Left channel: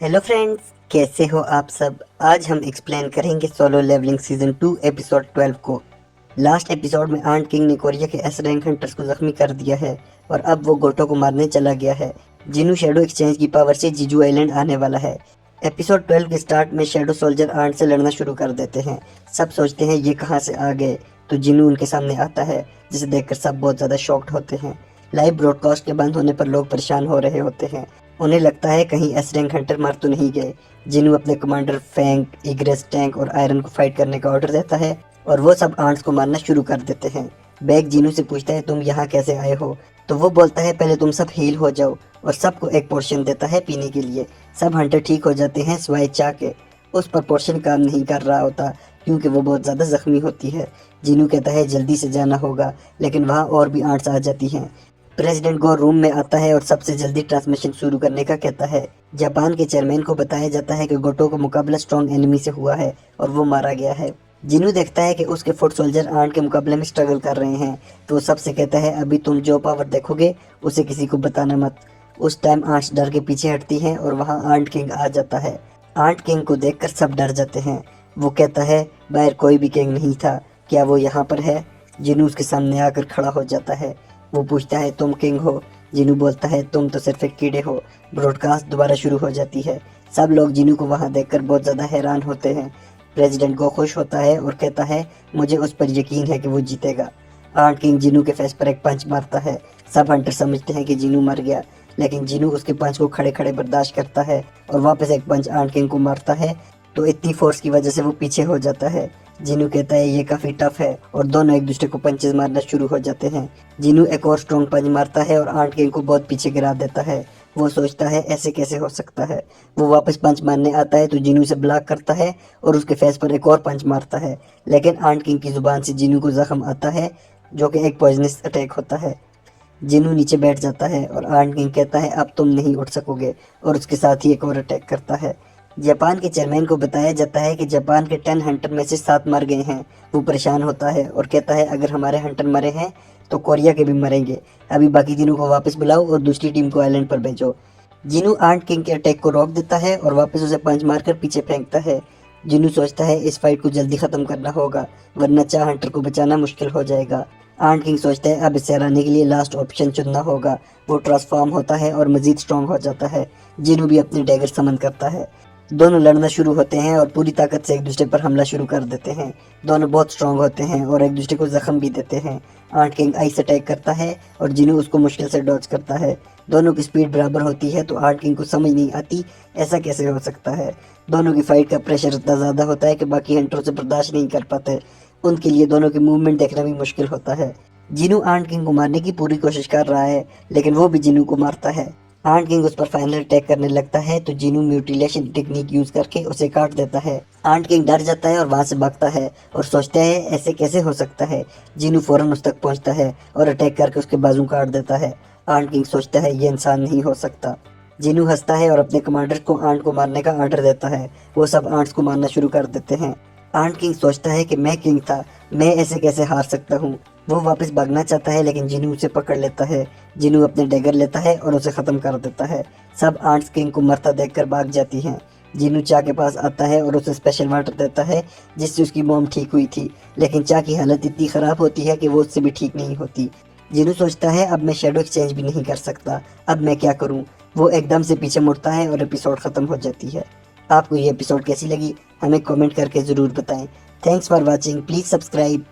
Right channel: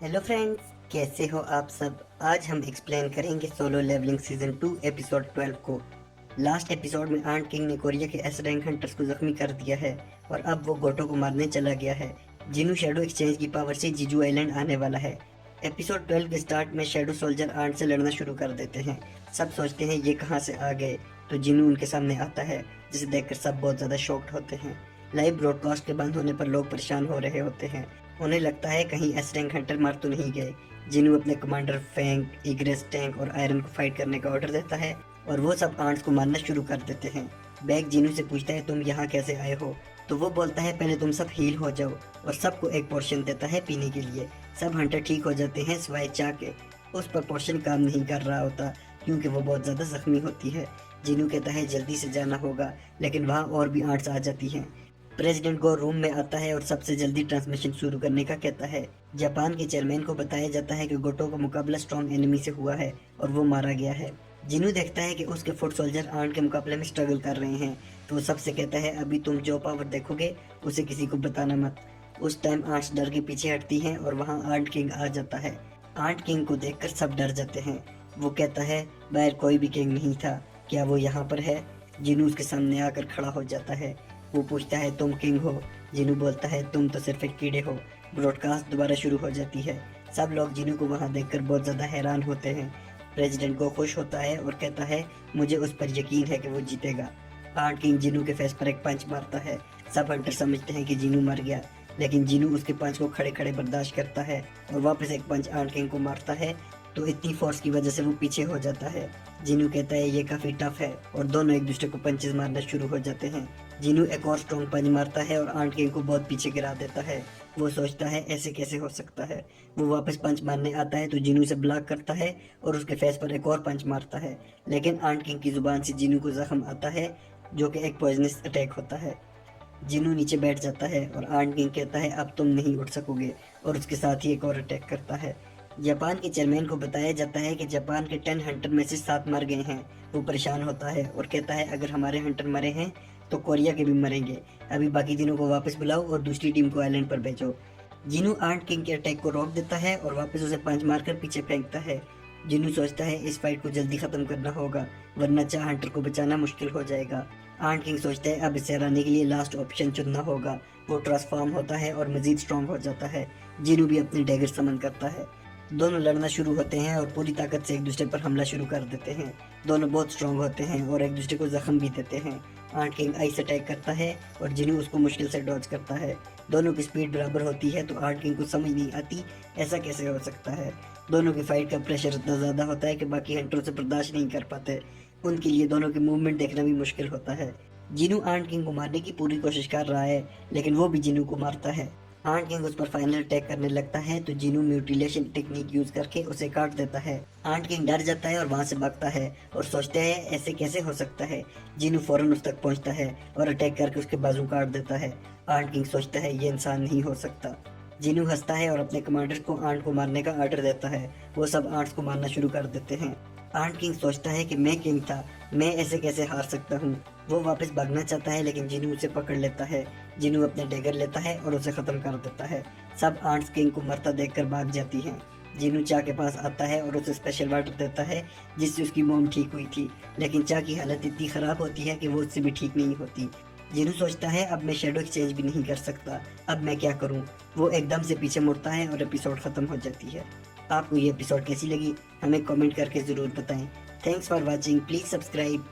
Hello friends, कैसे हो आप सब। आज हम एक्सप्लेन करेंगे सोलो लेवलिंग सीजन 2 एपिसोड 12 को। लास्ट एपिसोड में आंट किंग ने कोरिया के एस रैंक हंटर्स को जख्मी कर दिया है और अब वो गोटो को मारने चला गया है। जिनू शेडो एक्सचेंज की पावर से जीजू आइलैंड आने वाला है। एपिसोड 12 के स्टार्ट में शेडो सोल्जर आंट से लड़ना शुरू कर देते हैं। सब सोचते हैं ये कहाँ से आ गए, तो जिनू उनके सामने आता है, जिसे देखकर सब बहुत ज़्यादा शॉक्ड होते हैं। लाइव ब्रॉडकास्ट के बंद होने पर लोग परेशान हो रहे होते हैं। उन्हें लगता है कहीं एस रैंक हंटर मार तो नहीं गए। जिनू अपने कमांडर फैंक, इग्रेस, टैंक और आयरन को फाइट करने का ऑर्डर देता है और वो सब आंट्स को मारना शुरू कर देते हैं। बैग जिनू से पूछता है तुम यहाँ कैसे आए हो, तो वो बोलता है पहले तुम सब हील हो जाओ, और सबको एक पोर्शन देता है पीने के लिए। सब हंटर ठीक हो जाते हैं सिवाय चा के। उस पर पोर्शन काम नहीं कर रहा होता क्योंकि वो बहुत ज़्यादा जख्मी होती है। जिनू कहता है जल्दी से जाना होगा, लेकिन वहाँ और भी आंट्स आ जाती हैं। प्रेसिडेंट गो रूम में आता है और सबसे जल्दी ट्रांसमिशन शुरू करने का कहता है। जापान के चेयरमैन को बताया जाता है कि गोटो का मुकाबला स्ट्रॉन्ग एनिमी से हुआ है और वो मारा गया है। जिनू देखता है कि उसके फुट सोल्जर आंट के मुकाबले में स्ट्रगल कर रहे हैं, तो वो सबसे कहता है अभी तुम जो पावर देखोगे उसे किसी को बताना मत। उस टाइम आंट डर के पीछे हटती है और वहाँ आंट किंग आ जाता है। आंट किंग को देखकर सब डर जाते हैं। वो कहता है बाहर कोई भी किंग नहीं था, क्या वो यहाँ पर है। जिनू उसके सामने आकर खड़ा हो जाता है। वो पूछता है तुम किंग हो। जिनू बोलता है तुम तो सिर्फ एक कीड़े हो। ब्रॉडकास्ट दोबारा शुरू हो जाती है। सब लोग जिनू को वहाँ देखकर बहुत ज़्यादा हैरान होते हैं। प्रेसिडेंट को खुश होता है और कहता है मुझे उस पर यकीन है कि वो जीतेगा। आर्ट किंग जिनू के फेस पर एक पंच मारता है। सब हंटर समझते हैं कि जिनू मर गया, लेकिन जिनू उसके पंच को खड़े खड़े बर्दाश्त करता है और वापस एक पंच आर्ट किंग को मारता है, तो इतनी फोर्स की वजह से वो पीछे हो जाता है। जिनू कहता है ये काफ़ी टफ है और दोनों एक दूसरे को पंचेस मारना शुरू हो जाते हैं। जिनू एक और स्ट्रॉन्ग पंच मारता है और आर्ट किंग को बहुत पीछे गिरा देता है। वो सोचता है ऐसे कैसे हो सकता है। वो वापस पंच मारने आता है तो जिनू से ब्लॉक करता है और उसके फेस पर एक और पंच मारता है, लेकिन आर्ट किंग की जुबान से जिनू को जख्म आता है, जो कि एक पॉइजनस अटैक होता है। जिनू नीचे बैठ जाता है और आर्ट किंग कहता है अब तुम नहीं उठ सकोगे, और उसके साथ ही एक और अटैक करता है। जापान के चेयरमैन को बताया जाता है कि जापान के 10 हंटर में से 7 मर गए हैं। वो परेशान होता है और कहता है अगर हमारे हंटर मरे हैं तो कोरिया के भी मरेंगे। अभी बाकी तीनों को वापस बुलाओ और दूसरी टीम को आइलैंड पर भेजो। जिनू आर्ट किंग के अटैक को रोक देता है और वापस उसे पंच मारकर पीछे फेंकता है। जिनू सोचता है इस फाइट को जल्दी खत्म करना होगा, वरना चार हंटर को बचाना मुश्किल हो जाएगा। आर्ट किंग सोचता है अब इसे हराने के लिए लास्ट ऑप्शन चुनना होगा। वो ट्रांसफॉर्म होता है और मजीद स्ट्रॉन्ग हो जाता है। जिनू भी अपने डैगर समन करता है। दोनों लड़ना शुरू होते हैं और पूरी ताकत से एक दूसरे पर हमला शुरू कर देते हैं। दोनों बहुत स्ट्रांग होते हैं और एक दूसरे को जख्म भी देते हैं। आर्ट किंग आइस अटैक करता है और जिनू उसको मुश्किल से डॉज करता है। दोनों की स्पीड बराबर होती है तो आर्ट किंग को समझ नहीं आती ऐसा कैसे हो सकता है। दोनों की फाइट का प्रेशर इतना ज़्यादा होता है कि बाकी हंटरों से बर्दाश्त नहीं कर पाते। उनके लिए दोनों की मूवमेंट देखना भी मुश्किल होता है। जिनू आर्ट किंग को मारने की पूरी कोशिश कर रहा है, लेकिन वो भी जिनू को मारता है। आर्ट किंग उस पर फाइनल अटैक करने लगता है तो जिनू म्यूटिलेशन टेक्निक यूज करके उसे काट देता है। आर्ट किंग डर जाता है और वहां से भागता है और सोचता है ऐसे कैसे हो सकता है। जिनू फौरन उस तक पहुंचता है और अटैक करके उसके बाजू काट देता है। आर्ट किंग सोचता है ये इंसान नहीं हो सकता। जिनू हंसता है और अपने कमांडर को आंट को मारने का ऑर्डर देता है। वो सब आंट्स को मारना शुरू कर देते हैं। आंट किंग सोचता है कि मैं किंग था, मैं ऐसे कैसे हार सकता हूँ। वो वापस भागना चाहता है लेकिन जिनू उसे पकड़ लेता है। जिनू अपने डैगर लेता है और उसे खत्म कर देता है। सब आंट्स किंग को मरता देखकर भाग जाती हैं। जिनू चा के पास आता है और उसे स्पेशल वाटर देता है जिससे उसकी मॉम ठीक हुई थी, लेकिन चा की हालत इतनी ख़राब होती है कि वो उससे भी ठीक नहीं होती। जिनू सोचता है अब मैं शेडो एक्सचेंज भी नहीं कर सकता, अब मैं क्या करूं। वो एकदम से पीछे मुड़ता है और एपिसोड ख़त्म हो जाती है। आपको ये एपिसोड कैसी लगी हमें कमेंट करके ज़रूर बताएं। Thanks for watching, please subscribe.